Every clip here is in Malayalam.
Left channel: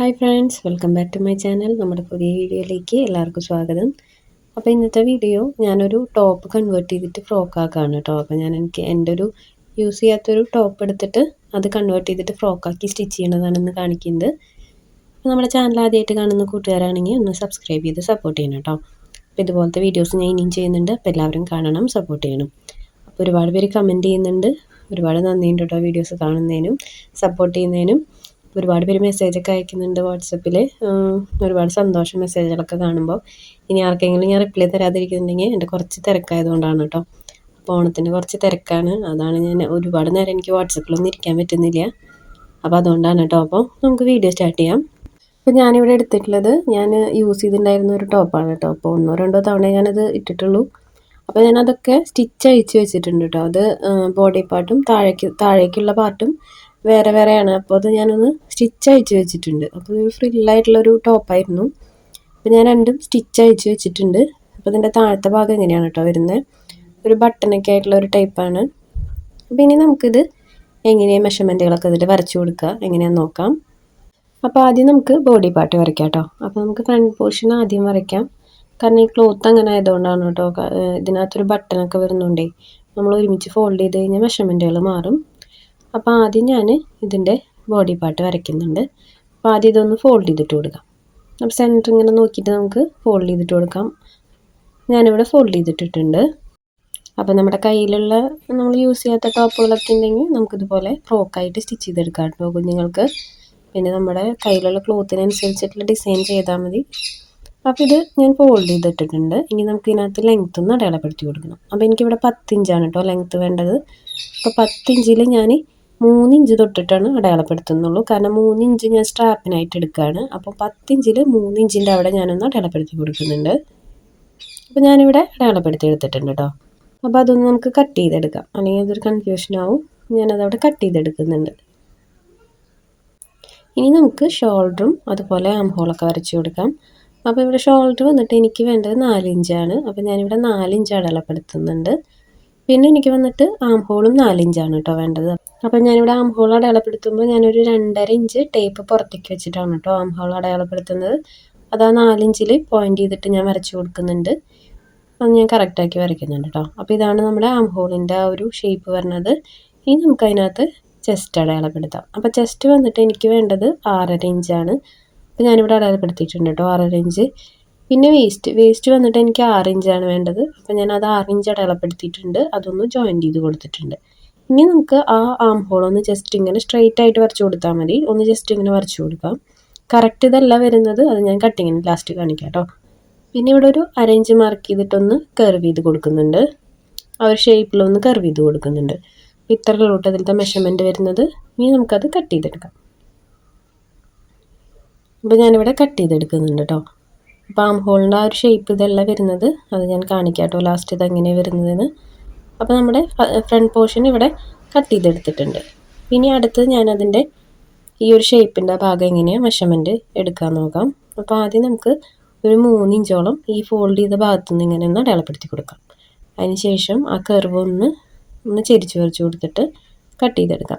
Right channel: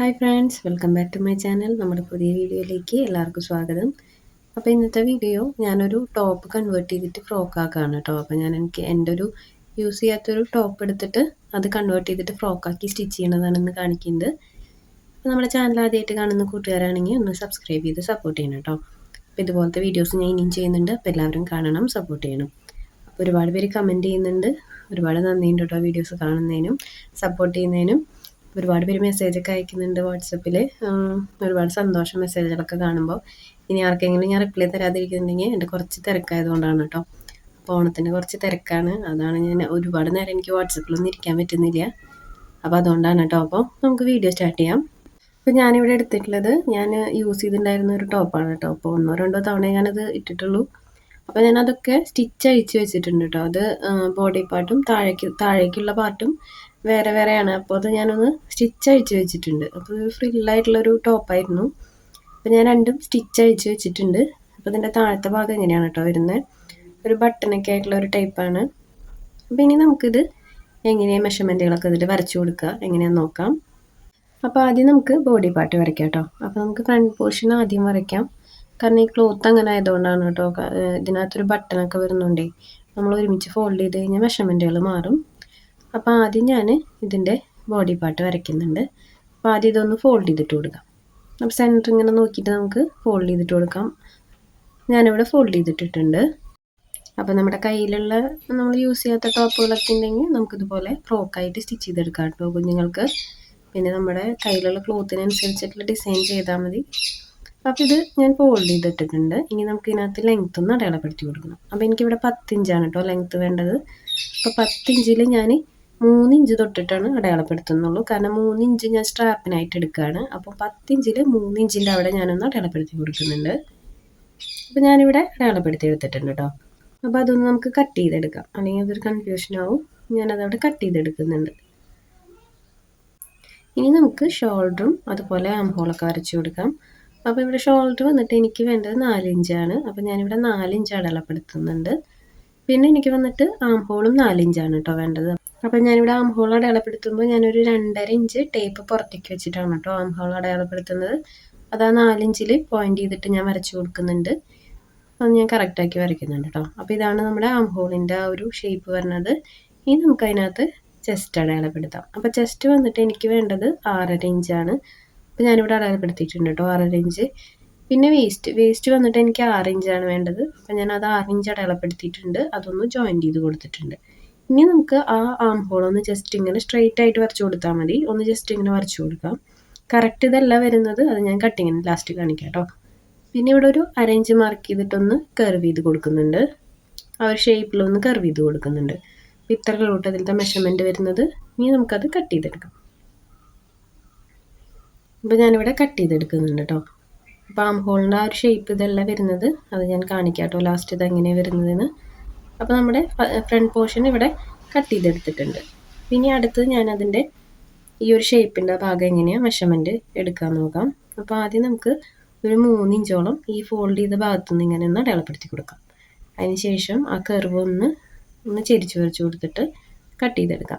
Hi friends welcome back to my channel. നമ്മുടെ പുതിയ വീഡിയോയിലേക്ക് എല്ലാവർക്കും സ്വാഗതം. അപ്പോൾ ഇന്നത്തെ വീഡിയോ ഞാനൊരു ടോപ്പ് കൺവേർട്ട് ചെയ്തിട്ട് ഫ്രോക്ക് ആക്കുകയാണ് കേട്ടോ. അപ്പോൾ ഞാൻ എനിക്ക് എന്റെ ഒരു യൂസ് ചെയ്യാത്തൊരു ടോപ്പ് എടുത്തിട്ട് അത് കൺവേർട്ട് ചെയ്തിട്ട് ഫ്രോക്കാക്കി സ്റ്റിച്ച് ചെയ്യണതാണ് ഇന്ന് കാണിക്കുന്നത്. അപ്പോൾ നമ്മുടെ ചാനൽ ആദ്യമായിട്ട് കാണുന്ന കൂട്ടുകാരാണെങ്കിൽ ഒന്ന് സബ്സ്ക്രൈബ് ചെയ്ത് സപ്പോർട്ട് ചെയ്യണം കേട്ടോ. അപ്പോൾ ഇതുപോലത്തെ വീഡിയോസ് ഞാൻ ഇനിയും ചെയ്യുന്നുണ്ട്. അപ്പോൾ എല്ലാവരും കാണണം സപ്പോർട്ട് ചെയ്യണം. അപ്പോൾ ഒരുപാട് പേര് കമന്റ് ചെയ്യുന്നുണ്ട്. ഒരുപാട് നന്ദിയുണ്ട് കേട്ടോ വീഡിയോസ് കാണുന്നതിനും സപ്പോർട്ട് ചെയ്യുന്നതിനും. ഒരുപാട് പേര് മെസ്സേജൊക്കെ അയക്കുന്നുണ്ട് വാട്സപ്പിൽ ഒരുപാട് സന്തോഷം മെസ്സേജുകളൊക്കെ കാണുമ്പോൾ ഇനി ആർക്കെങ്കിലും ഞാൻ റിപ്ലൈ തരാതിരിക്കുന്നുണ്ടെങ്കിൽ എന്റെ കുറച്ച് തിരക്കായതുകൊണ്ടാണ് കേട്ടോ അപ്പോൾ ഓണത്തിന് കുറച്ച് തിരക്കാണ്. അതാണ് ഞാൻ ഒരുപാട് നേരം എനിക്ക് വാട്സപ്പിലൊന്നും ഇരിക്കാൻ പറ്റുന്നില്ല. അപ്പോൾ അതുകൊണ്ടാണ് കേട്ടോ അപ്പോൾ നമുക്ക് വീഡിയോ സ്റ്റാർട്ട് ചെയ്യാം. അപ്പോൾ ഞാനിവിടെ എടുത്തിട്ടുള്ളത് ഞാൻ യൂസ് ചെയ്തിട്ടുണ്ടായിരുന്ന ഒരു ടോപ്പാണ് കേട്ടോ അപ്പോൾ ഒന്നോ രണ്ടോ തവണ ഞാനത് ഇട്ടിട്ടുള്ളൂ. അപ്പോൾ ഞാനതൊക്കെ സ്റ്റിച്ച് അഴിച്ച് വെച്ചിട്ടുണ്ട് കേട്ടോ അത് ബോഡി പാർട്ടും താഴേക്ക് താഴേക്കുള്ള പാർട്ടും വേറെ വേറെയാണ്. അപ്പോൾ അത് ഞാനൊന്ന് സ്റ്റിച്ച് അയച്ച് വെച്ചിട്ടുണ്ട്. അപ്പോൾ ഒരു ഫ്രില്ലായിട്ടുള്ളൊരു ടോപ്പായിരുന്നു അപ്പോൾ ഞാൻ രണ്ടും സ്റ്റിച്ച് അയച്ച് വെച്ചിട്ടുണ്ട്. അപ്പോൾ ഇതിന്റെ താഴത്തെ ഭാഗം എങ്ങനെയാണ് കേട്ടോ വരുന്നത് ഒരു ബട്ടണൊക്കെ ആയിട്ടുള്ള ഒരു ടൈപ്പാണ് അപ്പോൾ ഇനി നമുക്കിത് എങ്ങനെയാണ് മെഷർമെന്റുകളൊക്കെ ഇതിൽ വരച്ചു കൊടുക്കുക എങ്ങനെയാണെന്ന് നോക്കാം. അപ്പോൾ ആദ്യം നമുക്ക് ബോഡി പാർട്ട് വരയ്ക്കാം കേട്ടോ അപ്പോൾ നമുക്ക് ഫ്രണ്ട് പോർഷൻ ആദ്യം വരയ്ക്കാം. കാരണം ഈ ക്ലോത്ത് അങ്ങനെ ആയതുകൊണ്ടാണ് കേട്ടോ ഇതിനകത്തൊരു ബട്ടണൊക്കെ വരുന്നുണ്ടേ നമ്മൾ ഒരുമിച്ച് ഫോൾഡ് ചെയ്ത് കഴിഞ്ഞാൽ മെഷർമെന്റുകൾ മാറും. അപ്പോൾ ആദ്യം ഞാൻ ഇതിന്റെ ബോഡി പാർട്ട് വരയ്ക്കുന്നുണ്ട്. അപ്പോൾ ആദ്യം ഇതൊന്ന് ഫോൾഡ് ചെയ്തിട്ട് കൊടുക്കാം. അപ്പോൾ സെന്റർ ഇങ്ങനെ നോക്കിയിട്ട് നമുക്ക് ഫോൾഡ് ചെയ്തിട്ട് കൊടുക്കാം. ഞാനിവിടെ ഫോൾഡ് ചെയ്തിട്ടിട്ടുണ്ട്. അപ്പോൾ നമ്മുടെ കയ്യിലുള്ള നമ്മൾ യൂസ് ചെയ്യാത്ത ടോപ്പുകളൊക്കെ ഉണ്ടെങ്കിൽ നമുക്കിതുപോലെ ഫ്രോക്കായിട്ട് സ്റ്റിച്ച് ചെയ്തെടുക്കാം കേട്ടോ കുഞ്ഞുങ്ങൾക്ക്. പിന്നെ നമ്മുടെ കയ്യിലുള്ള ക്ലോത്തിനനുസരിച്ചിട്ടുള്ള ഡിസൈൻ ചെയ്താൽ മതി. അപ്പോൾ ഇത് ഞാൻ ഫോൾഡ് ചെയ്തിട്ടിട്ടുണ്ട്. ഇനി നമുക്ക് ഇതിനകത്ത് ലെങ്ത്ത് ഒന്ന് അടയാളപ്പെടുത്തി കൊടുക്കണം. അപ്പോൾ എനിക്കിവിടെ പത്തിഞ്ചാണ് കേട്ടോ ലെങ്ത്ത് വേണ്ടത്. അപ്പോൾ പത്തിഞ്ചിൽ ഞാൻ മൂന്ന് ഇഞ്ച് തൊട്ടിട്ടാണ് അടയാളപ്പെടുത്തുന്നുള്ളൂ. കാരണം മൂന്ന് ഇഞ്ച് ഞാൻ സ്ട്രാപ്പിനായിട്ട് എടുക്കുകയാണ് അപ്പോൾ പത്തിഞ്ചിൽ മൂന്ന് ഇഞ്ചിന്റെ അവിടെ ഞാനൊന്ന് അടയാളപ്പെടുത്തി കൊടുക്കുന്നുണ്ട്. അപ്പോൾ ഞാനിവിടെ അടയാളപ്പെടുത്തി എടുത്തിട്ടുണ്ട് കേട്ടോ അപ്പോൾ അതൊന്ന് നമുക്ക് കട്ട് ചെയ്തെടുക്കാം. അല്ലെങ്കിൽ അതൊരു കൺഫ്യൂഷൻ ആവും. ഞാനതവിടെ കട്ട് ചെയ്തെടുക്കുന്നുണ്ട്. ഇനി നമുക്ക് ഷോൾഡറും അതുപോലെ ആം ഹോളൊക്കെ വരച്ചു കൊടുക്കാം. അപ്പോൾ ഇവിടെ ഷോൾഡർ വന്നിട്ട് എനിക്ക് വേണ്ടത് നാലിഞ്ചാണ്. അപ്പോൾ ഞാനിവിടെ നാലിഞ്ച് അടയാളപ്പെടുത്തുന്നുണ്ട്. പിന്നെ എനിക്ക് വന്നിട്ട് ആം ഹോളും നാലിഞ്ചാണ് കേട്ടോ വേണ്ടത്. അപ്പോൾ ഞാനിവിടെ ആം ഹോൾ അടയാളപ്പെടുത്തുമ്പോൾ ഞാനൊരു രണ്ടര ഇഞ്ച് ടേപ്പ് പുറത്തേക്ക് വെച്ചിട്ടാണ് കേട്ടോ ആം ഹോൾ അടയാളപ്പെടുത്തുന്നത്. അത് ആ നാലിഞ്ചിൽ പോയിന്റ് ചെയ്തിട്ട് ഞാൻ വരച്ചു കൊടുക്കുന്നുണ്ട്. അത് ഞാൻ കറക്റ്റാക്കി വരയ്ക്കുന്നുണ്ട് കേട്ടോ അപ്പോൾ ഇതാണ് നമ്മുടെ ആം ഹോളിന്റെ ആ ഒരു ഷേപ്പ് വരുന്നത് ഇനി നമുക്ക് അതിനകത്ത് ചെസ്റ്റ് അടയാളപ്പെടുത്താം. അപ്പോൾ ചെസ്റ്റ് വന്നിട്ട് എനിക്ക് വേണ്ടത് ആറര ഇഞ്ചാണ് അപ്പോൾ ഞാനിവിടെ അടയാളപ്പെടുത്തിയിട്ടുണ്ട് കേട്ടോ ആറര ഇഞ്ച് പിന്നെ വേസ്റ്റ് വേസ്റ്റ് വന്നിട്ട് എനിക്ക് ആറ് ഇഞ്ചാണ് വേണ്ടത്. അപ്പോൾ ഞാൻ അത് ആറ് ഇഞ്ച് അടയാളപ്പെടുത്തിയിട്ടുണ്ട് അതൊന്ന് ജോയിന്റ് ചെയ്ത് കൊടുത്തിട്ടുണ്ട്. ഇനി നമുക്ക് ആ ആം ഹോൾ ഒന്ന് ജസ്റ്റ് ഇങ്ങനെ സ്ട്രെയിറ്റ് ആയിട്ട് വരച്ചു കൊടുത്താൽ മതി. ഒന്ന് ജസ്റ്റ് ഇങ്ങനെ വരച്ചു കൊടുക്കാം. കറക്റ്റ് ഇതല്ല വരുന്നത്. അത് ഞാൻ കട്ടിങ്ങിന് ലാസ്റ്റ് കാണിക്കാം കേട്ടോ പിന്നെ ഇവിടെ ഒരു അരഞ്ച് മാർക്ക് ചെയ്തിട്ടൊന്ന് കർവ് ചെയ്ത് കൊടുക്കുന്നുണ്ട്. ആ ഒരു ഷേപ്പിലൊന്ന് കർവ് ചെയ്ത് കൊടുക്കുന്നുണ്ട്. അപ്പോൾ ഇത്രയിലോട്ട് അതിലത്തെ മെഷർമെന്റ് വരുന്നത്. ഇനി നമുക്കത് കട്ട് ചെയ്തെടുക്കാം. അപ്പോൾ ഞാനിവിടെ കട്ട് ചെയ്തെടുക്കുന്നുണ്ട് കേട്ടോ ആം ഹോളിന്റെ ആ ഒരു ഷേപ്പ് ഇതല്ല വരുന്നത്. അത് ഞാൻ കാണിക്കാം കേട്ടോ ലാസ്റ്റ് ഇത് എങ്ങനെയാണ് വരുന്നതെന്ന്. അപ്പോൾ നമ്മുടെ ഫ്രണ്ട് പോർഷൻ ഇവിടെ കട്ട് ചെയ്തെടുത്തിട്ടുണ്ട്. ഇനി അടുത്തത് ഞാനതിന്റെ ഈ ഒരു ഷേപ്പിന്റെ ഭാഗം എങ്ങനെയാണ് മെഷർമെന്റ് എടുക്കാൻ നോക്കാം. അപ്പോൾ ആദ്യം നമുക്ക് ഒരു മൂന്ന് ഇഞ്ചോളം ഈ ഫോൾഡ് ചെയ്ത ഭാഗത്തു നിന്ന് ഇങ്ങനെ ഒന്ന് അടയാളപ്പെടുത്തി കൊടുക്കാം. അതിന് ശേഷം ആ കർവ് ഒന്ന് ഒന്ന് ചെരിച്ച് വരച്ച് കൊടുത്തിട്ട് കട്ട് ചെയ്തെടുക്കാം.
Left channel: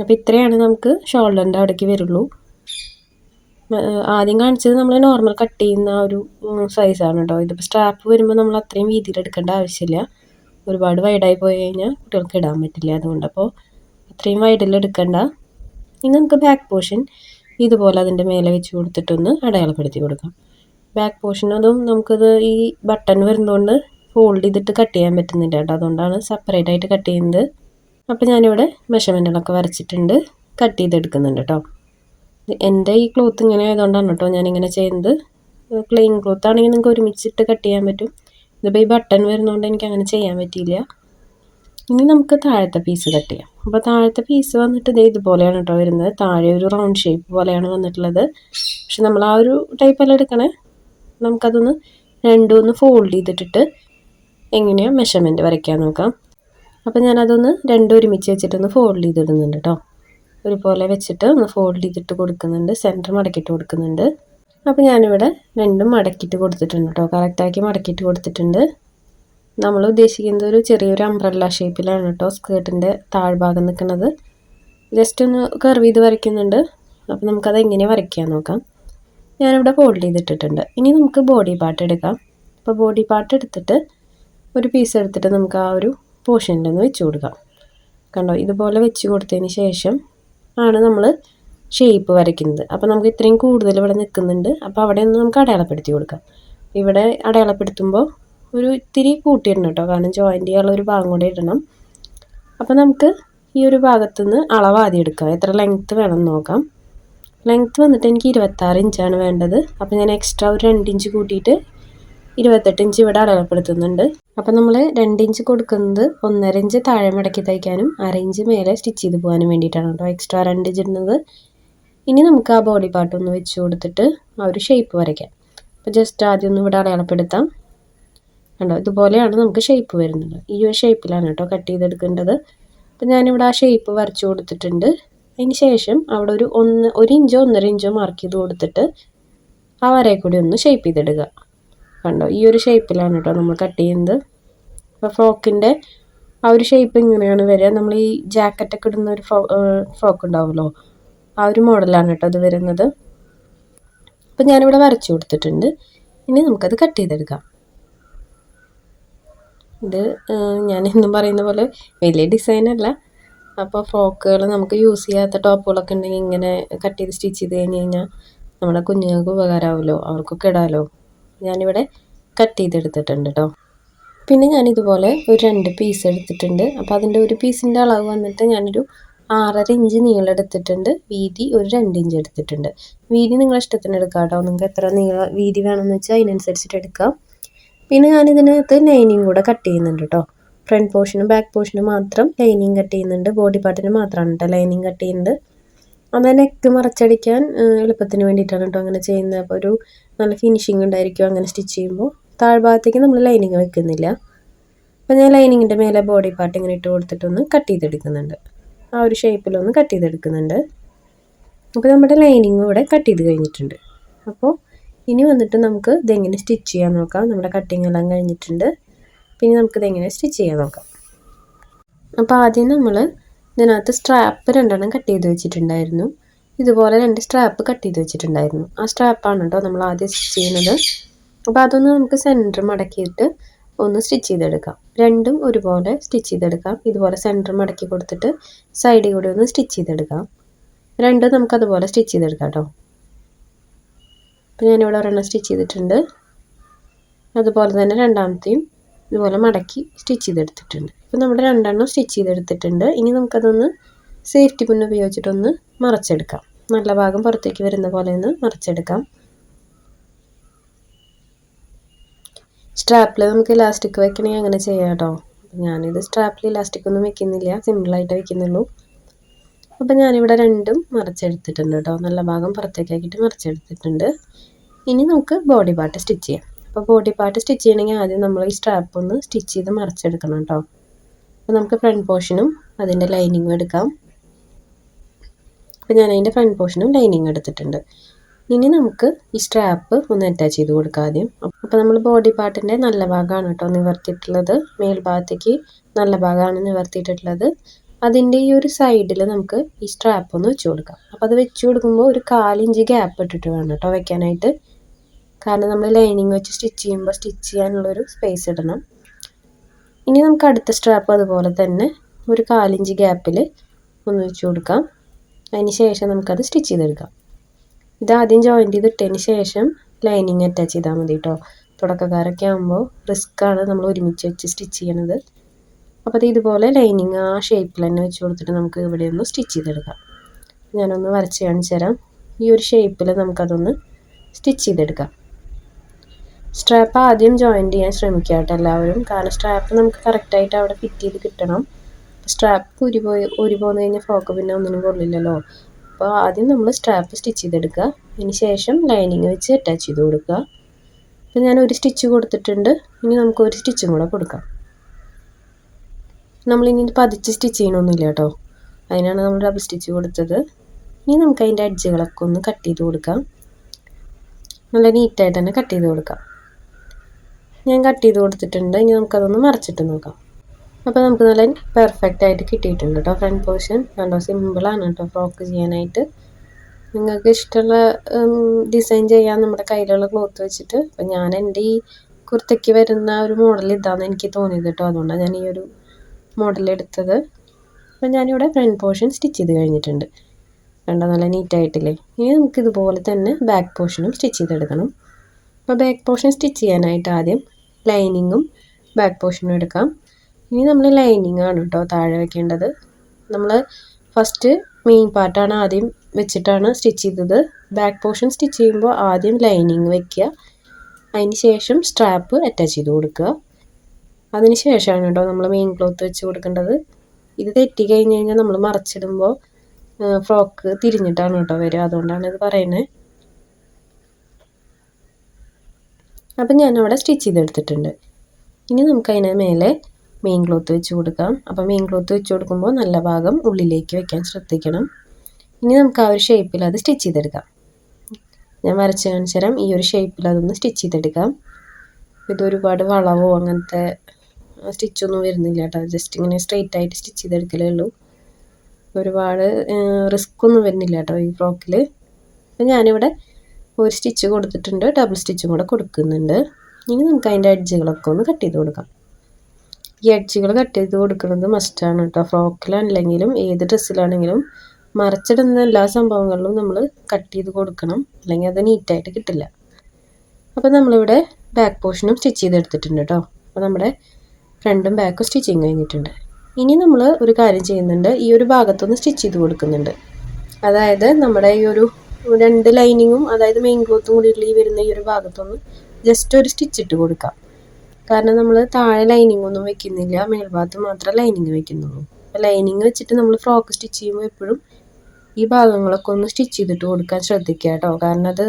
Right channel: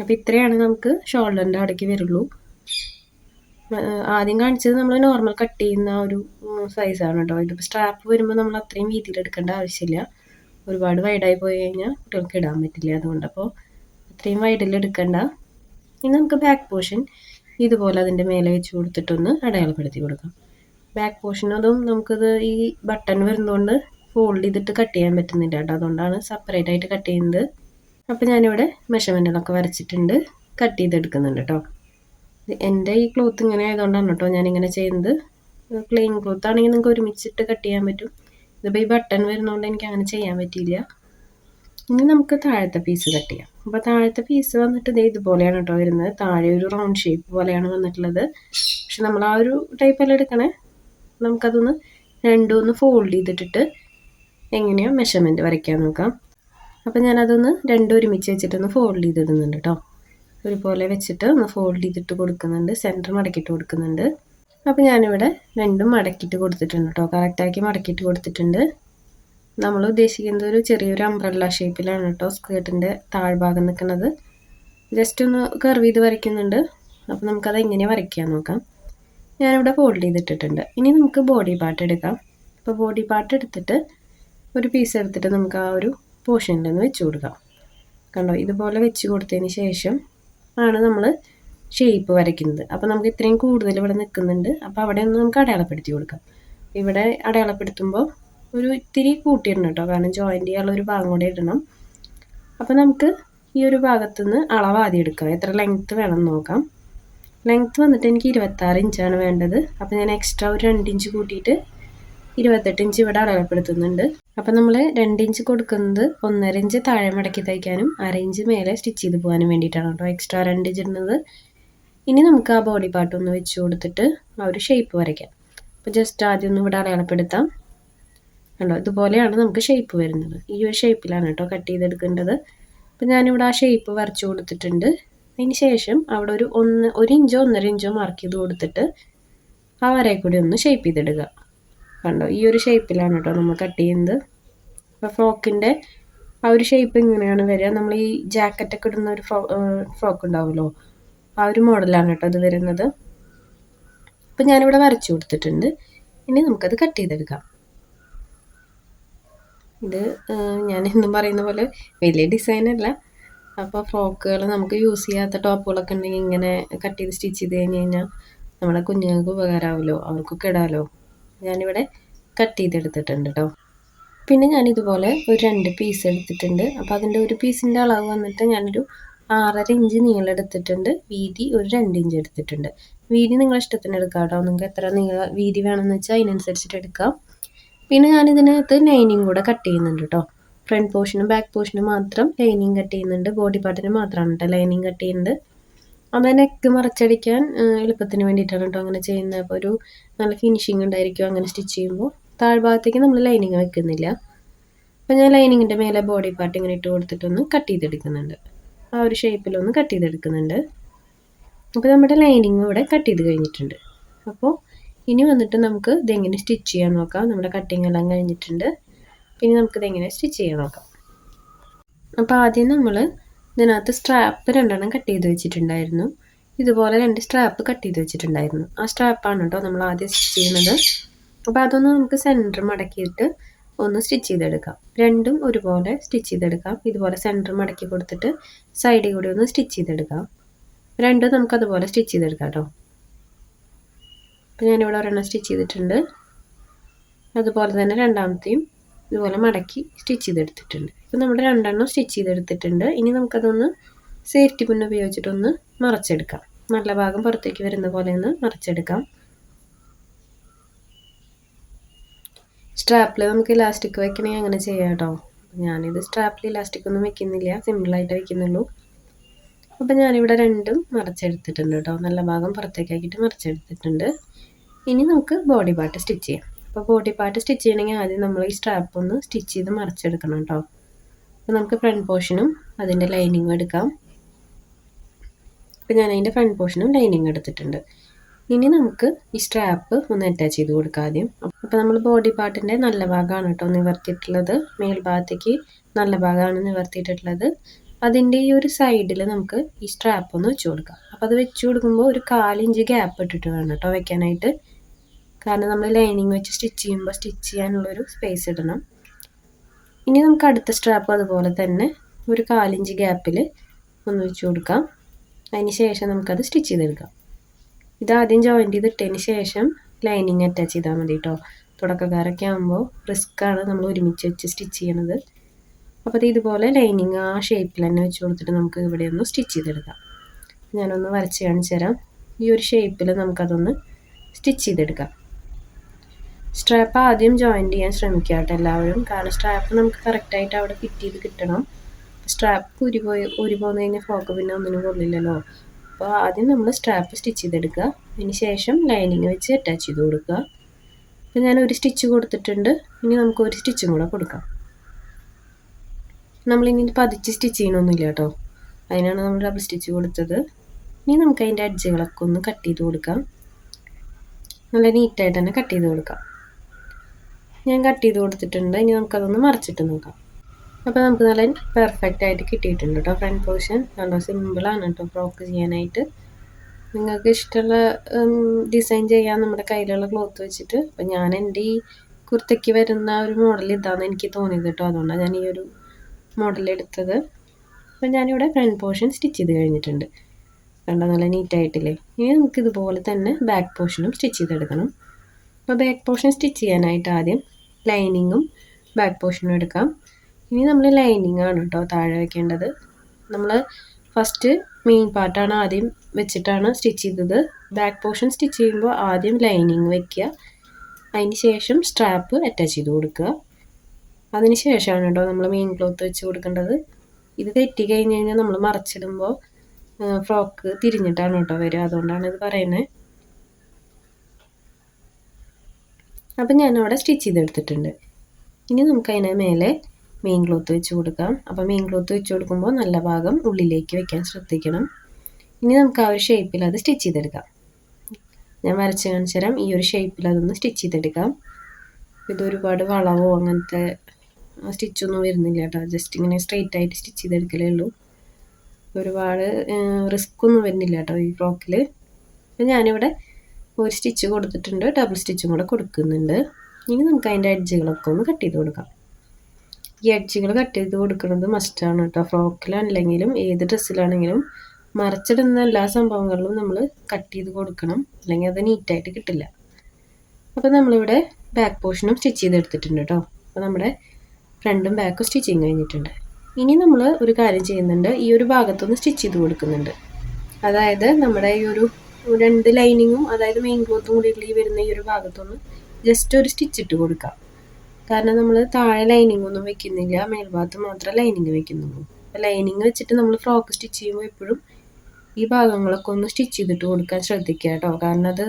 അപ്പോൾ ഇത്രയാണ് നമുക്ക് ഷോൾഡറിന്റെ അവിടേക്ക് വരുള്ളൂ. ആദ്യം കാണിച്ചത് നമ്മൾ നോർമൽ കട്ട് ചെയ്യുന്ന ഒരു സൈസാണ് കേട്ടോ ഇതിപ്പോൾ സ്ട്രാപ്പ് വരുമ്പോൾ നമ്മൾ അത്രയും വീതിയിൽ എടുക്കേണ്ട ആവശ്യമില്ല. ഒരുപാട് വൈഡായി പോയി കഴിഞ്ഞാൽ കുട്ടികൾക്ക് ഇടാൻ പറ്റില്ല അതുകൊണ്ട്. അപ്പോൾ അത്രയും വൈഡിൽ എടുക്കണ്ട. ഇനി നമുക്ക് ബാക്ക് പോർഷൻ ഇതുപോലെ അതിന്റെ മേലെ വെച്ച് കൊടുത്തിട്ടൊന്ന് അടയാളപ്പെടുത്തി കൊടുക്കാം. ബാക്ക് പോർഷൻ അതും നമുക്കത് ഈ ബട്ടൺ വരുന്നതുകൊണ്ട് ഫോൾഡ് ചെയ്തിട്ട് കട്ട് ചെയ്യാൻ പറ്റുന്നില്ല കേട്ടോ അതുകൊണ്ടാണ് സെപ്പറേറ്റ് ആയിട്ട് കട്ട് ചെയ്യുന്നത്. അപ്പോൾ ഞാനിവിടെ മെഷർമെന്റുകളൊക്കെ വരച്ചിട്ടുണ്ട്. കട്ട് ചെയ്തെടുക്കുന്നുണ്ട് കേട്ടോ എന്റെ ഈ ക്ലോത്ത് ഇങ്ങനെ ആയതുകൊണ്ടാണ് കേട്ടോ ഞാനിങ്ങനെ ചെയ്യുന്നത്. പ്ലെയിൻ ക്ലോത്ത് ആണെങ്കിൽ നിങ്ങൾക്ക് ഒരുമിച്ചിട്ട് കട്ട് ചെയ്യാൻ പറ്റും. ഇതിപ്പോൾ ഈ ബട്ടൺ വരുന്നതുകൊണ്ട് എനിക്ക് അങ്ങനെ ചെയ്യാൻ പറ്റിയില്ല. ഇനി നമുക്ക് താഴത്തെ പീസ് കട്ട് ചെയ്യാം. അപ്പോൾ താഴത്തെ പീസ് വന്നിട്ട് ഇതേ ഇതുപോലെയാണ് കേട്ടോ വരുന്നത്. താഴെ ഒരു റൗണ്ട് ഷേപ്പ് പോലെയാണ് വന്നിട്ടുള്ളത്. പക്ഷെ നമ്മൾ ആ ഒരു ടൈപ്പല്ല എടുക്കണേ. നമുക്കതൊന്ന് രണ്ടും ഒന്ന് ഫോൾഡ് ചെയ്തിട്ടിട്ട് എങ്ങനെയാണ് മെഷർമെന്റ് വരയ്ക്കാൻ നോക്കാം. അപ്പോൾ ഞാനതൊന്ന് രണ്ടും ഒരുമിച്ച് വെച്ചിട്ടൊന്ന് ഫോൾഡ് ചെയ്തിടുന്നുണ്ട് കേട്ടോ. ഒരുപോലെ വെച്ചിട്ട് ഒന്ന് ഫോൾഡ് ചെയ്തിട്ട് കൊടുക്കുന്നുണ്ട്. സെന്റർ മടക്കിയിട്ട് കൊടുക്കുന്നുണ്ട്. അപ്പോൾ ഞാനിവിടെ രണ്ടും മടക്കിയിട്ട് കൊടുത്തിട്ടുണ്ട് കേട്ടോ കറക്റ്റാക്കി മടക്കിയിട്ട് കൊടുത്തിട്ടുണ്ട്. നമ്മൾ ഉദ്ദേശിക്കുന്നത് ഒരു ചെറിയൊരു അംബ്രല്ല ഷേപ്പിലാണ് കേട്ടോ സ്കേർട്ടിന്റെ താഴ്ഭാഗം നിൽക്കുന്നത്. ജസ്റ്റ് ഒന്ന് കർവ് ചെയ്ത് വരയ്ക്കുന്നുണ്ട്. അപ്പോൾ നമുക്കത് എങ്ങനെ വരയ്ക്കാൻ നോക്കാം. ഞാനിവിടെ ഫോൾഡ് ചെയ്തിട്ടിട്ടുണ്ട്. ഇനി നമുക്ക് ബോഡി പാർട്ട് എടുക്കാം. അപ്പോൾ ബോഡി പാർട്ട് എടുത്തിട്ട് ഒരു പീസ് എടുത്തിട്ട് നമുക്ക് ആ ഒരു പോർഷനിൽ നിന്ന് വെച്ച് കൊടുക്കാം. കണ്ടോ? ഇതുപോലെ വെച്ച് കൊടുത്തതിന് ശേഷം ആണ് നമ്മൾ ഷേപ്പ് വരയ്ക്കുന്നത്. അപ്പോൾ നമുക്ക് ഇത്രയും കൂടുതൽ ഇവിടെ നിൽക്കുന്നുണ്ട്. അപ്പോൾ അവിടെ ഒന്ന് നമുക്ക് അടയാളപ്പെടുത്തി കൊടുക്കാം. ഇവിടെ അടയാളപ്പെടുത്തുമ്പോൾ ഒരു ഇത്തിരി കൂട്ടിയിടണം കേട്ടോ. കാരണം ജോയിന്റ് ചെയ്യാനുള്ള ഒരു ഭാഗം കൂടെ ഇടണം. അപ്പോൾ നമുക്ക് ഈ ഒരു ഭാഗത്തുനിന്ന് അളവ് ആദ്യം എടുക്കാം. എത്ര ലെങ്ത്ത് വേണം നോക്കാം. ലെങ്ത്ത് വന്നിട്ട് എനിക്ക് ഇരുപത്താറ് ഇഞ്ചാണ് വേണ്ടത്. അപ്പോൾ ഞാൻ എക്സ്ട്രാ ഒരു രണ്ട് ഇഞ്ച് കൂട്ടിയിട്ട് ഇരുപത്തെട്ട് ഇഞ്ച് ഇവിടെ അടയാളപ്പെടുത്തുന്നുണ്ട്. അപ്പോൾ നമ്മൾ രണ്ട് ഇഞ്ച് കൊടുക്കുന്നത് ഒന്നര ഇഞ്ച് താഴെ മടക്കി തയ്ക്കാനും അര ഇഞ്ച് മേലെ സ്റ്റിച്ച് ചെയ്ത് പോകാനും വേണ്ടിയിട്ടാണ് കേട്ടോ. എക്സ്ട്രാ രണ്ട് ഇഞ്ച് ഇടുന്നത്. ഇനി നമുക്ക് ആ ബോഡി പാർട്ട് ഒന്ന് വെച്ച് കൊടുത്തിട്ട് ആ ഒരു ഷേപ്പ് വരയ്ക്കാം. അപ്പോൾ ജസ്റ്റ് ആദ്യം ഒന്ന് ഇവിടെ അടയാളപ്പെടുത്താം. കണ്ടോ? ഇതുപോലെയാണ് നമുക്ക് ഷേപ്പ് വരുന്നത്. ഈ ഒരു ഷേപ്പിലാണ് കേട്ടോ കട്ട് ചെയ്തെടുക്കേണ്ടത്. അപ്പോൾ ഞാനിവിടെ ആ ഷേപ്പ് വരച്ചു കൊടുത്തിട്ടുണ്ട്. അതിന് ശേഷം അവിടെ ഒരു ഒന്ന് ഒരു ഇഞ്ചോ ഒന്നര ഇഞ്ചോ മാർക്ക് ചെയ്ത് കൊടുത്തിട്ട് ആ വരയെ കൂടി ഒന്ന് ഷേപ്പ് ചെയ്തെടുക്കുക. കണ്ടോ? ഈ ഒരു ഷേപ്പിലാണ് കേട്ടോ നമ്മൾ കട്ട് ചെയ്യുന്നത്. അപ്പോൾ ഫ്രോക്കിന്റെ ആ ഒരു ഷേപ്പ് ഇങ്ങനെയാണ് വരിക. നമ്മൾ ഈ ജാക്കറ്റൊക്കെ ഇടുന്ന ഒരു ഫ്രോക്ക് ഉണ്ടാവുമല്ലോ? ആ ഒരു മോഡലാണ് കേട്ടോ അത് വരുന്നത്. അപ്പം ഞാനിവിടെ വരച്ചു കൊടുത്തിട്ടുണ്ട്. ഇനി നമുക്കത് കട്ട് ചെയ്തെടുക്കാം. ഇത് ഞാൻ എന്നും പറയുന്ന പോലെ വലിയ ഡിസൈനല്ല അപ്പോൾ ഫ്രോക്കുകൾ നമുക്ക് യൂസ് ചെയ്യാത്ത ടോപ്പുകളൊക്കെ ഉണ്ടെങ്കിൽ ഇങ്ങനെ കട്ട് ചെയ്ത് സ്റ്റിച്ച് ചെയ്ത് കഴിഞ്ഞ് കഴിഞ്ഞാൽ നമ്മുടെ കുഞ്ഞുങ്ങൾക്ക് ഉപകാരമാവുമല്ലോ? അവർക്കൊക്കെ ഇടാമല്ലോ ഞാനിവിടെ കട്ട് ചെയ്തെടുത്തിട്ടുണ്ട് കേട്ടോ പിന്നെ ഞാനിതുപോലെ ഒരു രണ്ട് പീസ് എടുത്തിട്ടുണ്ട്. അപ്പോൾ അതിന്റെ ഒരു പീസിന്റെ അളവ് വന്നിട്ട് ഞാനൊരു ആറര ഇഞ്ച് നീളം എടുത്തിട്ടുണ്ട്. വീതി ഒരു രണ്ട് ഇഞ്ച് എടുത്തിട്ടുണ്ട്. വീതി നിങ്ങളുടെ ഇഷ്ടത്തിന് എടുക്കാം കേട്ടോ നിങ്ങൾക്ക് എത്ര നീള വീതി വേണമെന്ന് വെച്ചാൽ അതിനനുസരിച്ചിട്ട് എടുക്കാം. പിന്നെ ഞാനിതിനകത്ത് ലൈനിങ് കൂടെ കട്ട് ചെയ്യുന്നുണ്ട് കേട്ടോ ഫ്രണ്ട് പോർഷനും ബാക്ക് പോർഷനും മാത്രം ലൈനിങ് കട്ട് ചെയ്യുന്നുണ്ട്. ബോഡി പാർട്ടിന് മാത്രമാണ് കേട്ടോ ലൈനിങ് കട്ട് ചെയ്യുന്നത്. അത് നെക്ക് മറച്ചടിക്കാൻ എളുപ്പത്തിന് വേണ്ടിയിട്ടാണ് കേട്ടോ അങ്ങനെ ചെയ്യുന്നത്. അപ്പോൾ ഒരു നല്ല ഫിനിഷിങ് ഉണ്ടായിരിക്കും അങ്ങനെ സ്റ്റിച്ച് ചെയ്യുമ്പോൾ. താഴ്ഭാഗത്തേക്ക് നമ്മൾ ലൈനിങ് വെക്കുന്നില്ല. അപ്പോൾ ഞാൻ ലൈനിങ്ങിന്റെ മേലെ ബോഡി പാർട്ട് ഇങ്ങനെ ഇട്ട് കൊടുത്തിട്ടൊന്ന് കട്ട് ചെയ്തെടുക്കുന്നുണ്ട്. ആ ഒരു ഷേപ്പിലൊന്ന് കട്ട് ചെയ്തെടുക്കുന്നുണ്ട്. അപ്പോൾ നമ്മുടെ ലൈനിങ് ഇവിടെ കട്ട് ചെയ്ത് കഴിഞ്ഞിട്ടുണ്ട്. അപ്പോൾ ഇനി വന്നിട്ട് നമുക്ക് ഇതെങ്ങനെ സ്റ്റിച്ച് ചെയ്യാൻ നോക്കാം. നമ്മുടെ കട്ടിങ് എല്ലാം കഴിഞ്ഞിട്ടുണ്ട്. പിന്നെ നമുക്ക് ഇതെങ്ങനെ സ്റ്റിച്ച് ചെയ്യാൻ നോക്കാം. അപ്പോൾ ആദ്യം നമ്മൾ ഇതിനകത്ത് സ്ട്രാപ്പ് രണ്ടെണ്ണം കട്ട് ചെയ്ത് വെച്ചിട്ടുണ്ടായിരുന്നു. ഇതുപോലെ രണ്ട് സ്ട്രാപ്പ് കട്ട് ചെയ്ത് വെച്ചിട്ടുണ്ടായിരുന്നു. ആ സ്ട്രാപ്പാണ് കേട്ടോ നമ്മൾ ആദ്യം സ്റ്റിച്ച് ചെയ്യുന്നത്. അപ്പോൾ അതൊന്ന് നമുക്ക് സെന്റർ മടക്കിയിട്ട് ഒന്ന് സ്റ്റിച്ച് ചെയ്തെടുക്കാം. രണ്ടും ഒരുപോലെ സ്റ്റിച്ച് ചെയ്തെടുക്കാം. ഇതുപോലെ സെന്റർ മടക്കി കൊടുത്തിട്ട് സൈഡിൽ കൂടി ഒന്ന് സ്റ്റിച്ച് ചെയ്തെടുക്കാം. രണ്ടും നമുക്ക് അതുപോലെ സ്റ്റിച്ച് ചെയ്തെടുക്കാം കേട്ടോ അപ്പോൾ ഞാനിവിടെ ഒരെണ്ണം സ്റ്റിച്ച് ചെയ്തിട്ടുണ്ട്. അതുപോലെ തന്നെ രണ്ടാമത്തെയും ഇതുപോലെ മടക്കി സ്റ്റിച്ച് ചെയ്തെടുത്തിട്ടുണ്ട്. ഇപ്പോൾ നമ്മുടെ രണ്ടെണ്ണം സ്റ്റിച്ച് ചെയ്തെടുത്തിട്ടുണ്ട്. ഇനി നമുക്കതൊന്ന് സേഫ്റ്റി പിൻ ഉപയോഗിച്ചിട്ടൊന്ന് മറച്ചെടുക്കാം. നല്ല ഭാഗം പുറത്തേക്ക് വരുന്ന പോലെ ഒന്ന് മറച്ചെടുക്കാം. സ്ട്രാപ്പിൽ നമുക്ക് ഇലാസ്റ്റിക് വെക്കണമെങ്കിൽ അങ്ങനെ ചെയ്യാം കേട്ടോ. ഞാനിത് സ്ട്രാപ്പിൽ ഇലാസ്റ്റിക് ഒന്നും വെക്കുന്നില്ല. സിമ്പിളായിട്ട് വെക്കുന്നുള്ളൂ. അപ്പം ഞാനിവിടെ രണ്ടും മറച്ചെടുത്തിട്ടുണ്ട് കേട്ടോ. നല്ല ഭാഗം പുറത്തേക്കാക്കിയിട്ട് മറച്ചെടുത്തിട്ടുണ്ട്. ഇനി നമുക്ക് ബോഡി പാർട്ട് സ്റ്റിച്ച് ചെയ്യാം. അപ്പോൾ ബോഡി പാർട്ട് സ്റ്റിച്ച് ചെയ്യണമെങ്കിൽ ആദ്യം നമ്മൾ ഈ സ്ട്രാപ്പ് ഒന്ന് സ്റ്റിച്ച് ചെയ്ത് മറച്ചെടുക്കണം കേട്ടോ. നമുക്ക് ഫ്രണ്ട് പോർഷനും അതിന്റെ ലൈനിങ്ങും എടുക്കാം. അപ്പോൾ ഞാൻ അതിന്റെ ഫ്രണ്ട് പോർഷനും ലൈനിങ് എടുത്തിട്ടുണ്ട്. ഇനി നമുക്ക് ഈ സ്ട്രാപ്പ് ഒന്ന് അറ്റാച്ച് ചെയ്ത് കൊടുക്കാം ആദ്യം. അപ്പോൾ നമ്മൾ ബോഡി പാർട്ടിന്റെ നല്ല ഭാഗമാണ് കേട്ടോ നിവർത്തിയിട്ടുള്ളത്. മേൽഭാഗത്തേക്ക് നല്ല ഭാഗമാണ് നിവർത്തിയിട്ടുള്ളത്. അതിന്റെ ഈ ഒരു സൈഡിൽ നമുക്ക് ഈ സ്ട്രാപ്പ് ഒന്ന് വെച്ച് കൊടുക്കാം. അപ്പോൾ അത് വെച്ച് കൊടുക്കുമ്പോൾ ഒരു കാലിഞ്ച് ഗ്യാപ്പ് ഇട്ടിട്ട് വേണം കേട്ടോ വെക്കാനായിട്ട്. കാരണം നമ്മൾ ലൈനിങ് വെച്ച് സ്റ്റിച്ച് ചെയ്യുമ്പോൾ സ്റ്റിച്ച് ചെയ്യാനുള്ളൊരു സ്പേസ് ഇടണം. ഇനി നമുക്ക് അടുത്ത സ്ട്രാപ്പ് അതുപോലെ തന്നെ ഒരു കാലിഞ്ച് ഗ്യാപ്പിൽ ഒന്ന് വെച്ച് കൊടുക്കാം. അതിന് ശേഷം നമുക്കത് സ്റ്റിച്ച് ചെയ്തെടുക്കാം. ഇത് ആദ്യം ജോയിന്റ് ചെയ്തിട്ടതിന് ശേഷം ലൈനിങ് അറ്റാച്ച് ചെയ്താൽ മതി കേട്ടോ തുടക്കക്കാരൊക്കെ ആകുമ്പോൾ റിസ്ക്കാണ് നമ്മൾ ഒരുമിച്ച് വെച്ച് സ്റ്റിച്ച് ചെയ്യണത്. അപ്പോൾ അത് ഇതുപോലെ ലൈനിങ് ആ ഷേപ്പിൽ തന്നെ വെച്ച് കൊടുത്തിട്ട് നമുക്ക് ഇവിടെ ഒന്ന് സ്റ്റിച്ച് ചെയ്തെടുക്കാം. ഞാനൊന്ന് വരച്ച് കാണിച്ചു തരാം ഈ ഒരു ഷേപ്പിൽ നമുക്കതൊന്ന് സ്റ്റിച്ച് ചെയ്തെടുക്കാം. സ്ട്രാപ്പ് ആദ്യം ജോയിന്റ് ചെയ്യാൻ ശ്രമിക്കുക കേട്ടോ എല്ലാവരും. കാരണം സ്ട്രാപ്പ് നമുക്ക് കറക്റ്റായിട്ട് അവിടെ ഫിറ്റ് ചെയ്ത് കിട്ടണം. സ്ട്രാപ്പ് ഉരി പോയി ഉരി പോന്നു കഴിഞ്ഞാൽ ഫ്രോക്ക് പിന്നെ ഒന്നിനും കൊള്ളില്ലല്ലോ. അപ്പോൾ ആദ്യം നമ്മൾ സ്ട്രാപ്പ് സ്റ്റിച്ച് ചെയ്തെടുക്കുക. അതിന് ശേഷം ലൈനിങ് വെച്ച് അറ്റാച്ച് ചെയ്ത് കൊടുക്കുക. ഇപ്പം ഞാൻ ഒരു സ്റ്റിച്ച് കൊടുത്തിട്ടുണ്ട്. ഇനി നമുക്ക് ഒരു സ്റ്റിച്ചും കൂടെ കൊടുക്കാം. നമ്മളിനി പതിച്ച് സ്റ്റിച്ച് ചെയ്യണമൊന്നുമില്ല കേട്ടോ. അതിനാണ് നമ്മൾ ഡബിൾ സ്റ്റിച്ച് കൊടുത്തത്. ഇനി നമുക്ക് അതിന്റെ അഡ്ജുകളൊക്കെ ഒന്ന് കട്ട് ചെയ്ത് കൊടുക്കാം. നല്ല നീറ്റായിട്ട് തന്നെ കട്ട് ചെയ്ത് കൊടുക്കാം. ഞാൻ കട്ട് ചെയ്ത് കൊടുത്തിട്ടുണ്ട്. ഇനി നമുക്കതൊന്ന് മറിച്ചിട്ട് നോക്കാം. അപ്പോൾ നമുക്ക് നല്ല പെർഫെക്റ്റ് ആയിട്ട് കിട്ടിയിട്ടുണ്ട് കേട്ടോ ഫ്രണ്ട് പോർഷൻ നല്ല സിമ്പിളാണ് കേട്ടോ ഫ്രോക്ക് ചെയ്യാനായിട്ട്. നിങ്ങൾക്ക് ഇഷ്ടമുള്ള ഡിസൈൻ ചെയ്യാൻ നമ്മുടെ കയ്യിലുള്ള ക്ലോത്ത് വെച്ചിട്ട്. അപ്പം ഞാൻ എന്റെ ഈ കുർത്തയ്ക്ക് വരുന്ന ഒരു മോഡൽ ഇതാണെന്ന് എനിക്ക് തോന്നിയത് കേട്ടോ അതുകൊണ്ടാണ് ഞാൻ ഈ ഒരു മോഡൽ എടുത്തത്. അപ്പം ഞാനിവിടെ ഫ്രണ്ട് പോർഷൻ സ്റ്റിച്ച് ചെയ്ത് കഴിഞ്ഞിട്ടുണ്ട്. കണ്ടോ? നല്ല നീറ്റായിട്ടില്ലേ ഇനി നമുക്ക് ഇതുപോലെ തന്നെ ബാക്ക് പോർഷനും സ്റ്റിച്ച് ചെയ്തെടുക്കണം. അപ്പോൾ ബാക്ക് പോർഷൻ സ്റ്റിച്ച് ചെയ്യാനായിട്ട് ആദ്യം ലൈനിങ്ങും ബാക്ക് പോർഷനും എടുക്കാം. ഇനി നമ്മൾ ലൈനിങ് ആണ് കേട്ടോ താഴെ വെക്കേണ്ടത്. നമ്മൾ ഫസ്റ്റ് മെയിൻ പാർട്ടാണ് ആദ്യം വെച്ചിട്ടാണ് സ്റ്റിച്ച് ചെയ്തത്. ബാക്ക് പോർഷൻ സ്റ്റിച്ച് ചെയ്യുമ്പോൾ ആദ്യം ലൈനിങ് വെക്കുക അതിന് ശേഷം സ്ട്രാപ്പ് അറ്റാച്ച് ചെയ്ത് കൊടുക്കുക അതിന് ശേഷമാണ് കേട്ടോ നമ്മൾ മെയിൻ ക്ലോത്ത് വെച്ച് കൊടുക്കേണ്ടത്. ഇത് തെറ്റി കഴിഞ്ഞ് കഴിഞ്ഞാൽ നമ്മൾ മറച്ചിടുമ്പോൾ ഫ്രോക്ക് തിരിഞ്ഞിട്ടാണ് കേട്ടോ വരിക അതുകൊണ്ടാണ് ഇത് പറയുന്നത് അപ്പം ഞാനവിടെ സ്റ്റിച്ച് ചെയ്തെടുത്തിട്ടുണ്ട്. ഇനി നമുക്ക് അതിന് മേലെ മെയിൻ ക്ലോത്ത് വെച്ച് കൊടുക്കാം. അപ്പോൾ മെയിൻ ക്ലോത്ത് വെച്ച് കൊടുക്കുമ്പോൾ നല്ല ഭാഗം ഉള്ളിലേക്ക് വെക്കാൻ ശ്രദ്ധിക്കണം. ഇനി നമുക്ക് ആ ഒരു ഷേപ്പിൽ അത് സ്റ്റിച്ച് ചെയ്തെടുക്കാം. ഞാൻ വരച്ച് തരാം. ഈ ഒരു ഷേപ്പിൽ അതൊന്ന് സ്റ്റിച്ച് ചെയ്തെടുക്കാം. ഇതൊരുപാട് വളവോ അങ്ങനത്തെ സ്റ്റിച്ചൊന്നും വരുന്നില്ല കേട്ടോ. ജസ്റ്റ് ഇങ്ങനെ സ്ട്രെയിറ്റ് ആയിട്ട് സ്റ്റിച്ച് ചെയ്തെടുക്കലേ ഉള്ളൂ. ഒരുപാട് റിസ്ക് ഒന്നും വരുന്നില്ല കേട്ടോ ഈ ഫ്രോക്കിൽ അപ്പം ഞാനിവിടെ ഒരു സ്റ്റിച്ച് കൊടുത്തിട്ടുണ്ട് ഡബിൾ സ്റ്റിച്ചും കൂടെ കൊടുക്കുന്നുണ്ട്. ഇനി നമുക്ക് അതിന്റെ എഡ്ജുകളൊക്കെ ഒന്ന് കട്ട് ചെയ്ത് കൊടുക്കാം. ഈ എഡ്ജുകൾ കട്ട് ചെയ്ത് കൊടുക്കുന്നത് മസ്റ്റാണ് കേട്ടോ. ഫ്രോക്കിലാണെങ്കിലും ഏത് ഡ്രസ്സിലാണെങ്കിലും മറച്ചിടുന്ന എല്ലാ സംഭവങ്ങളിലും നമ്മൾ കട്ട് ചെയ്ത് കൊടുക്കണം. അല്ലെങ്കിൽ അത് നീറ്റായിട്ട് കിട്ടില്ല. അപ്പോൾ നമ്മളിവിടെ ബാക്ക് പോർഷനും സ്റ്റിച്ച് ചെയ്തെടുത്തിട്ടുണ്ട് കേട്ടോ. അപ്പോൾ നമ്മുടെ ഫ്രണ്ടും ബാക്കും സ്റ്റിച്ചിങ് കഴിഞ്ഞിട്ടുണ്ട്. ഇനി നമ്മൾ ഒരു കാര്യം ചെയ്യുന്നുണ്ട്. ഈ ഒരു ഭാഗത്തൊന്ന് സ്റ്റിച്ച് ചെയ്ത് കൊടുക്കുന്നുണ്ട്. അതായത് നമ്മുടെ ഈ ഒരു രണ്ട് ലൈനിങ്ങും അതായത് മെയിൻ ക്ലോത്തും കൂടി ഈ വരുന്ന ഈ ഒരു ഭാഗത്തൊന്ന് ജസ്റ്റ് ഒരു സ്റ്റിച്ച് ഇട്ട് കൊടുക്കാം. കാരണം നമ്മൾ താഴെ ലൈനിങ് ഒന്നും വെക്കുന്നില്ല മേൽഭാഗത്ത് മാത്രമേ ലൈനിങ് വെക്കുന്നുള്ളൂ. അപ്പോൾ ലൈനിങ് വെച്ചിട്ട് നമ്മൾ ഫ്രോക്ക് സ്റ്റിച്ച് ചെയ്യുമ്പോൾ എപ്പോഴും ഈ ഭാഗങ്ങളൊക്കെ ഒന്ന് സ്റ്റിച്ച് ചെയ്തിട്ട് കൊടുക്കാൻ ശ്രദ്ധിക്കുക കേട്ടോ. കാരണം അത്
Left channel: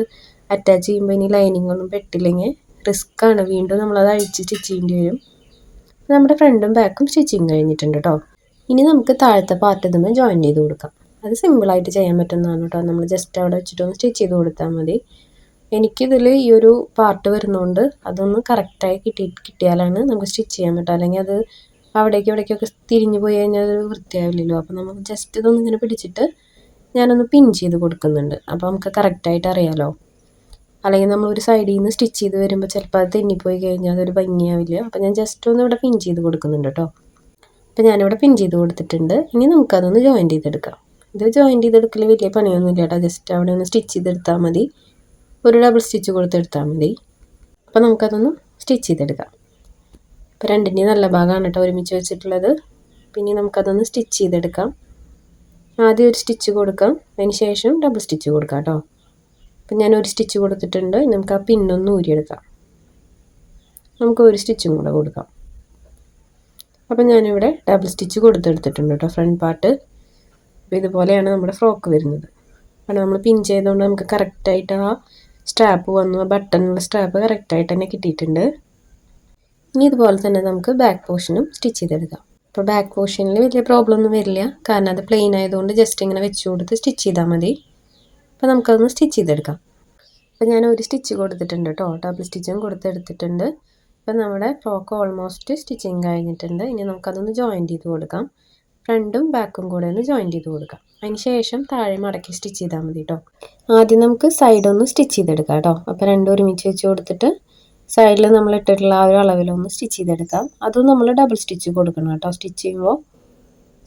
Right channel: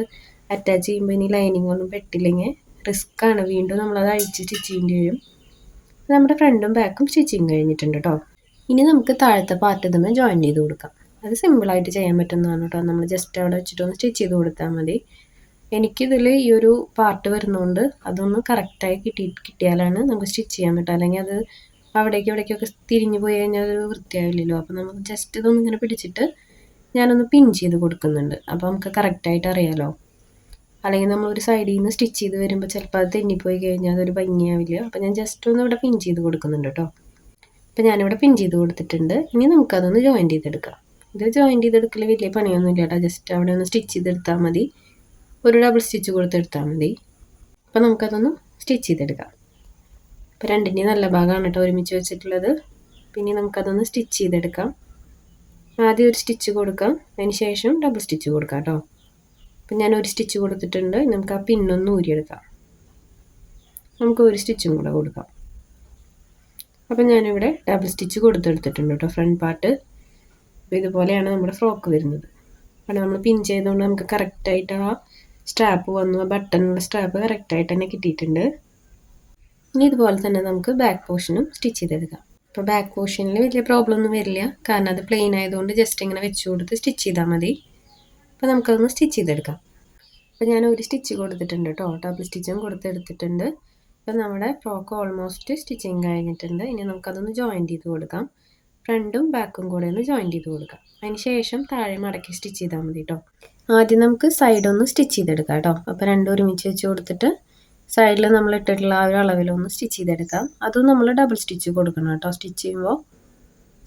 അറ്റാച്ച് ചെയ്യുമ്പോൾ ഇനി ലൈനിങ് ഒന്നും പെട്ടില്ലെങ്കിൽ റിസ്ക് ആണ്. വീണ്ടും നമ്മളത് അഴിച്ച് സ്റ്റിച്ച് ചെയ്യേണ്ടി വരും. നമ്മുടെ ഫ്രണ്ടും ബാക്കും സ്റ്റിച്ചിങ് കഴിഞ്ഞിട്ടുണ്ട് കേട്ടോ. ഇനി നമുക്ക് താഴത്തെ പാർട്ട് തന്നെ ജോയിൻ ചെയ്ത് കൊടുക്കാം. അത് സിമ്പിളായിട്ട് ചെയ്യാൻ പറ്റുന്നതാണ് കേട്ടോ. നമ്മൾ ജസ്റ്റ് അവിടെ വെച്ചിട്ടൊന്ന് സ്റ്റിച്ച് ചെയ്ത് കൊടുത്താൽ മതി. എനിക്കിതിൽ ഈ ഒരു പാർട്ട് വരുന്നതുകൊണ്ട് അതൊന്ന് കറക്റ്റായി കിട്ടി കിട്ടിയാലാണ് നമുക്ക് സ്റ്റിച്ച് ചെയ്യാൻ പറ്റുക. അല്ലെങ്കിൽ അത് അവിടേക്ക് ഇവിടേക്കൊക്കെ തിരിഞ്ഞു പോയി കഴിഞ്ഞാൽ അത് വൃത്തിയാവില്ലല്ലോ. അപ്പോൾ നമുക്ക് ജസ്റ്റ് ഇതൊന്ന് ഇങ്ങനെ പിടിച്ചിട്ട് ഞാനൊന്ന് പിൻ ചെയ്ത് കൊടുക്കുന്നുണ്ട്. അപ്പോൾ നമുക്ക് കറക്റ്റായിട്ട് അറിയാമല്ലോ അല്ലെങ്കിൽ നമ്മൾ ഒരു സൈഡിൽ നിന്ന് സ്റ്റിച്ച് ചെയ്ത് വരുമ്പോൾ ചിലപ്പോൾ അത് തെന്നിപ്പോയി കഴിഞ്ഞാൽ അതൊരു ഭംഗിയാവില്ല. അപ്പോൾ ഞാൻ ജസ്റ്റ് ഒന്ന് ഇവിടെ പിൻ ചെയ്ത് കൊടുക്കുന്നുണ്ട് കേട്ടോ. അപ്പോൾ ഞാനിവിടെ പിൻ ചെയ്ത് കൊടുത്തിട്ടുണ്ട്. ഇനി നമുക്കതൊന്ന് ജോയിൻ ചെയ്തെടുക്കാം. ഇത് ജോയിന്റ് ചെയ്തെടുക്കൽ വലിയ പണിയൊന്നും ഇല്ല കേട്ടോ ജസ്റ്റ് അവിടെ ഒന്ന് സ്റ്റിച്ച് ചെയ്തെടുത്താൽ മതി. ഒരു ഡബിൾ സ്റ്റിച്ച് കൊടുത്തെടുത്താൽ മതി. അപ്പോൾ നമുക്കതൊന്ന് സ്റ്റിച്ച് ചെയ്തെടുക്കാം. അപ്പോൾ രണ്ടിന്റെയും നല്ല ഭാഗമാണ് കേട്ടോ ഒരുമിച്ച് വെച്ചിട്ടുള്ളത്. പിന്നെ നമുക്കതൊന്ന് സ്റ്റിച്ച് ചെയ്തെടുക്കാം. ആദ്യം ഒരു സ്റ്റിച്ച് കൊടുക്കാം. അതിന് ശേഷം ഡബിൾ സ്റ്റിച്ച് കൊടുക്കാം കേട്ടോ അപ്പം ഞാൻ ഒരു സ്റ്റിച്ച് കൊടുത്തിട്ടുണ്ട് നമുക്ക് ആ പിന്നൊന്ന് ഊരിയെടുക്കാം. നമുക്ക് ഒരു സ്റ്റിച്ചും കൂടെ കൊടുക്കാം. അപ്പം ഞാനിവിടെ ഡബിൾ സ്റ്റിച്ച് കൊടുത്തെടുത്തിട്ടുണ്ട് കേട്ടോ ഫ്രണ്ട് പാർട്ട് ഇതുപോലെയാണ് നമ്മുടെ ഫ്രോക്ക് വരുന്നത്. കാരണം നമ്മൾ പിൻ ചെയ്തുകൊണ്ട് നമുക്ക് കറക്റ്റായിട്ട് ആ സ്ട്രാപ്പ് വന്നു ബട്ടണുള്ള സ്ട്രാപ്പ് കറക്റ്റായിട്ട് തന്നെ കിട്ടിയിട്ടുണ്ട്. ഇനി ഇതുപോലെ തന്നെ നമുക്ക് ബാക്ക് പോർഷനും സ്റ്റിച്ച് ചെയ്തെടുക്കാം. അപ്പോൾ ബാക്ക് പോർഷനിൽ വലിയ പ്രോബ്ലം ഒന്നും വരില്ല. കാരണം അത് പ്ലെയിൻ ആയതുകൊണ്ട് ജസ്റ്റ് ഇങ്ങനെ വെച്ച് കൊടുത്ത് സ്റ്റിച്ച് ചെയ്താൽ മതി. അപ്പോൾ നമുക്കതൊന്ന് സ്റ്റിച്ച് ചെയ്തെടുക്കാം. അപ്പോൾ ഞാൻ ഒരു സ്റ്റിച്ച് കൊടുത്തിട്ടുണ്ട് കേട്ടോ ഡബിൾ സ്റ്റിച്ചും കൊടുത്തെടുത്തിട്ടുണ്ട്. അപ്പോൾ നമ്മുടെ ഫ്രോക്ക് ഓൾമോസ്റ്റ് സ്റ്റിച്ചിങ് കഴിഞ്ഞിട്ടുണ്ട്. ഇനി നമുക്കതൊന്ന് ജോയിന്റ് ചെയ്ത് കൊടുക്കാം. ഫ്രണ്ടും ബാക്കും കൂടെ ഒന്ന് ജോയിൻ ചെയ്ത് കൊടുക്കുക അതിന് ശേഷം താഴെ മടക്കി സ്റ്റിച്ച് ചെയ്താൽ മതി കേട്ടോ ആദ്യം നമുക്ക് സൈഡ് ഒന്ന് സ്റ്റിച്ച് ചെയ്തെടുക്കാം കേട്ടോ അപ്പോൾ രണ്ടും ഒരുമിച്ച് വെച്ച് കൊടുത്തിട്ട് സൈഡിൽ നമ്മൾ ഇട്ടിട്ടുള്ള ആ ഒരു അളവിലൊന്ന് സ്റ്റിച്ച് ചെയ്തെടുക്കാം. അതും നമ്മൾ ഡബിൾ സ്റ്റിച്ച് കൊടുക്കണം കേട്ടോ സ്റ്റിച്ച് ചെയ്യുമ്പോൾ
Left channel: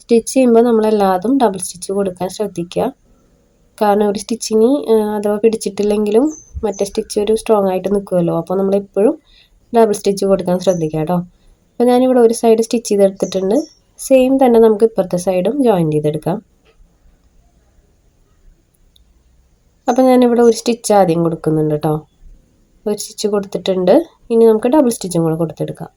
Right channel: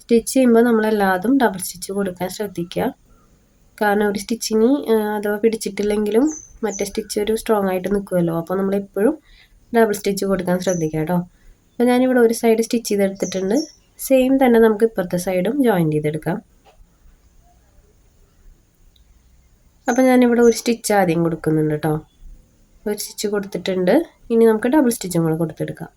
സ്റ്റിച്ച് ചെയ്യുമ്പോൾ നമ്മൾ എല്ലാതും ഡബിൾ സ്റ്റിച്ച് കൊടുക്കാൻ ശ്രദ്ധിക്കുക. കാരണം ഒരു സ്റ്റിച്ചിന് അഥവാ പിടിച്ചിട്ടില്ലെങ്കിലും മറ്റേ സ്റ്റിച്ച് ഒരു സ്ട്രോങ് ആയിട്ട് നിൽക്കുമല്ലോ അപ്പോൾ നമ്മൾ എപ്പോഴും ഡബിൾ സ്റ്റിച്ച് കൊടുക്കാൻ ശ്രദ്ധിക്കുക കേട്ടോ അപ്പോൾ ഞാനിവിടെ ഒരു സൈഡ് സ്റ്റിച്ച് ചെയ്തെടുത്തിട്ടുണ്ട്. സെയിം തന്നെ നമുക്ക് ഇപ്പുറത്തെ സൈഡും ജോയിൻ ചെയ്തെടുക്കാം. അപ്പോൾ ഞാനിവിടെ ഒരു സ്റ്റിച്ച് ആദ്യം കൊടുക്കുന്നുണ്ട് കേട്ടോ ഒരു സ്റ്റിച്ച് കൊടുത്തിട്ടുണ്ട്. ഇനി നമുക്ക് ഡബിൾ സ്റ്റിച്ചും കൂടെ കൊടുത്തെടുക്കാം.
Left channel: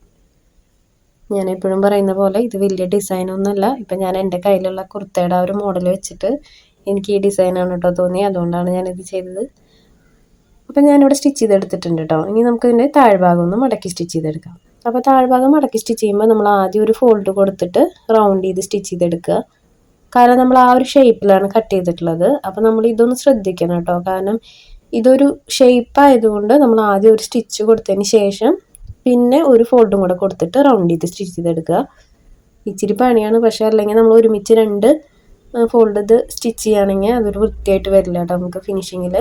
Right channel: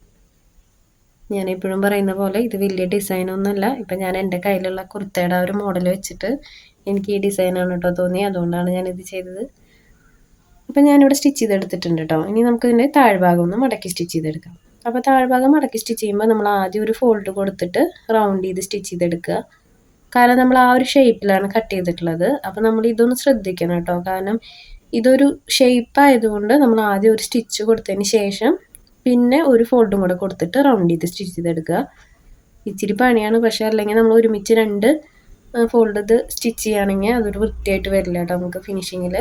ഞാൻ എപ്പോഴും പറയുന്ന പോലെ ഇത് വലിയ ഡിസൈനൊന്നുമല്ല ഇപ്പം ഞാൻ എന്റെ കയ്യിലുള്ള കുർത്തയുടെ ആ ഒരു മോഡൽ വെച്ചിട്ട് എനിക്ക് ഈ ഡിസൈനാണ് കേട്ടോ തോന്നി അതുകൊണ്ടാണ് ഞാനിത് ചെയ്തത്. അപ്പം ഞാനിവിടെ സ്റ്റിച്ച് ചെയ്തെടുത്തിട്ടുണ്ട് കേട്ടോ ഇനി നമുക്ക് ഇതിന്റെ താഴ്ഭാഗം ഒന്ന് മടക്കി സ്റ്റിച്ച് ചെയ്തെടുക്കാം. അപ്പോൾ താഴ്ഭാഗം മടക്കി സ്റ്റിച്ച് ചെയ്യുമ്പോൾ നമ്മൾ ആദ്യം ഒരു ഫോൾഡ് കൊടുത്തിട്ട് റൗണ്ട് ചെയ്ത് സ്റ്റിച്ച് ചെയ്തെടുക്കുക. കാരണം നമ്മൾ ആ ഒരു ഷേപ്പിലാണ് കട്ട് ചെയ്തിട്ടുള്ളത്. അപ്പോൾ നമ്മൾ ഇതൊന്ന് ശ്രദ്ധിക്കണം കേട്ടോ കാരണം ഇതൊരു ഷേപ്പ് ആയതുകൊണ്ട് നമ്മൾ ആദ്യം ഒരു സ്റ്റിച്ച് കൊടുത്തതിന് ശേഷം പിന്നെ ഒരു ഫോൾഡും കൂടെ കൊടുത്തിട്ട് റൗണ്ട് ചെയ്ത് സ്റ്റിച്ച് ചെയ്തെടുക്കുക. ഇച്ചിരി പണിയാണ്. പക്ഷേ അല്ലെങ്കിൽ നമ്മൾ ഒരുമിച്ച് രണ്ട് ഫോൾഡ് സ്റ്റിച്ച് ചെയ്യുകയാണെങ്കിൽ അതൊരു വൃത്തിയായിട്ട് വരില്ല കേട്ടോ നമുക്ക് ഫിനിഷിങ്ങിൽ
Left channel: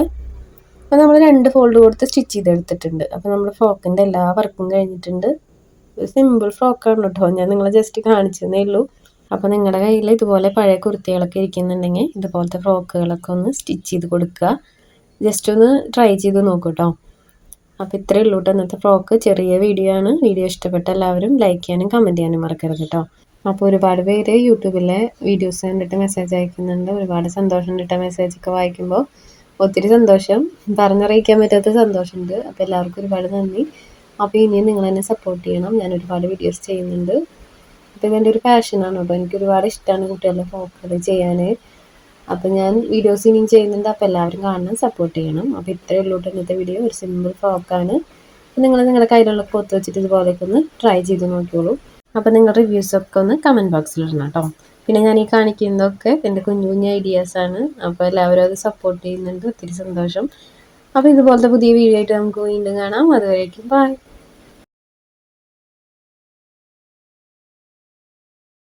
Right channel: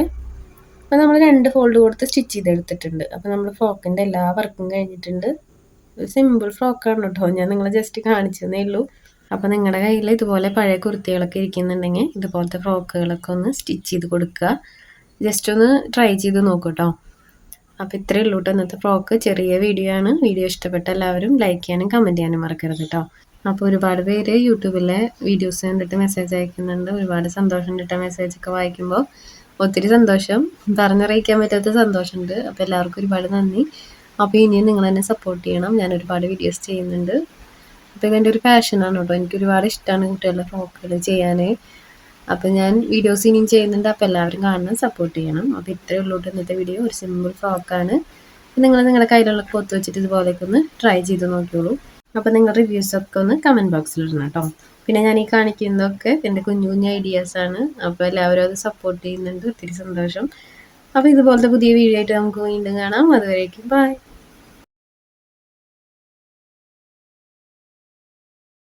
അപ്പോൾ നമ്മൾ രണ്ട് ഫോൾഡ് കൊടുത്ത് സ്റ്റിച്ച് ചെയ്തെടുത്തിട്ടുണ്ട്. അപ്പോൾ നമ്മൾ ഫ്രോക്കിന്റെ എല്ലാ വർക്കും കഴിഞ്ഞിട്ടുണ്ട്. ഒരു സിമ്പിൾ ഫ്രോക്കാണ് കേട്ടോ ഞാൻ നിങ്ങളെ ജസ്റ്റ് കാണിച്ചതേ ഉള്ളൂ. അപ്പോൾ നിങ്ങളുടെ കയ്യിൽ ഇതുപോലെ പഴയ കുർത്തികളൊക്കെ ഇരിക്കുന്നുണ്ടെങ്കിൽ ഇതുപോലത്തെ ഫ്രോക്കുകളൊക്കെ ഒന്ന് സ്റ്റിച്ച് ചെയ്ത് കൊടുക്കുക. ജസ്റ്റ് ഒന്ന് ട്രൈ ചെയ്ത് നോക്കൂ കേട്ടോ അപ്പോൾ ഇത്രയേ ഉള്ളൂ കേട്ടോ ഇന്നത്തെ ഫ്രോക്ക് ചെറിയ വീഡിയോ ആണ്. വീഡിയോ ഇഷ്ടപ്പെട്ട എല്ലാവരും ലൈക്ക് ചെയ്യാനും കമന്റ് ചെയ്യാനും മറക്കരുത് കേട്ടോ അപ്പോൾ ഒരുപാട് പേര് യൂട്യൂബിലെ വീഡിയോസ് കണ്ടിട്ട് മെസ്സേജ് അയക്കുന്നുണ്ട്. ഒരുപാട് സന്തോഷം കിട്ടുക മെസ്സേജൊക്കെ വായിക്കുമ്പോൾ ഒത്തിരി സന്തോഷം. പറഞ്ഞറിയിക്കാൻ പറ്റാത്ത സന്തോഷമുണ്ട്. അപ്പോൾ എല്ലാവർക്കും ഒരുപാട് നന്ദി. അപ്പോൾ ഇനിയും നിങ്ങൾ എന്നെ സപ്പോർട്ട് ചെയ്യണം. ഞാൻ ഒരുപാട് വീഡിയോസ് ചെയ്യുന്നുണ്ട്. അപ്പോൾ ഇതെന്റെ ഒരു പാഷനാണ് കേട്ടോ. എനിക്ക് ഒരുപാട് ഇഷ്ടമാണ് കുട്ടികളുടെ ഫ്രോക്കുകൾ ചെയ്യാൻ അപ്പോൾ ഞാൻ വീഡിയോസ് ഇനിയും ചെയ്യുന്നുണ്ട്. അപ്പോൾ എല്ലാവരും കാണണം സപ്പോർട്ട് ചെയ്യണം. അപ്പോൾ ഇത്രയേ ഉള്ളൂ ഇന്നത്തെ വീഡിയോ ഒരു സിമ്പിൾ ഫ്രോക്കാണ് നിങ്ങൾ നിങ്ങളുടെ കയ്യിലുള്ള ക്ലോത്ത് വെച്ചിട്ട് ഇതുപോലെയൊക്കെ ഒന്ന് ട്രൈ ചെയ്ത് നോക്കിയോളൂ അപ്പോൾ നിങ്ങളുടെ റിവ്യൂസൊക്കെ ഒന്ന് കമന്റ് ബോക്സിൽ ഇടണം കേട്ടോ. പിന്നെ ഞാൻ ഈ കാണിക്കുന്നതൊക്കെ എന്റെ കുഞ്ഞു കുഞ്ഞു ഐഡിയാസ് ആണ്. അപ്പോൾ എല്ലാവരും അത് സപ്പോർട്ട് ചെയ്യുന്നുണ്ട്. ഒത്തിരി സന്തോഷം. അപ്പോൾ ഇതുപോലത്തെ പുതിയ വീഡിയോ ആയിട്ട് നമുക്ക് വീണ്ടും കാണാം. അതുവരേക്കും ബൈ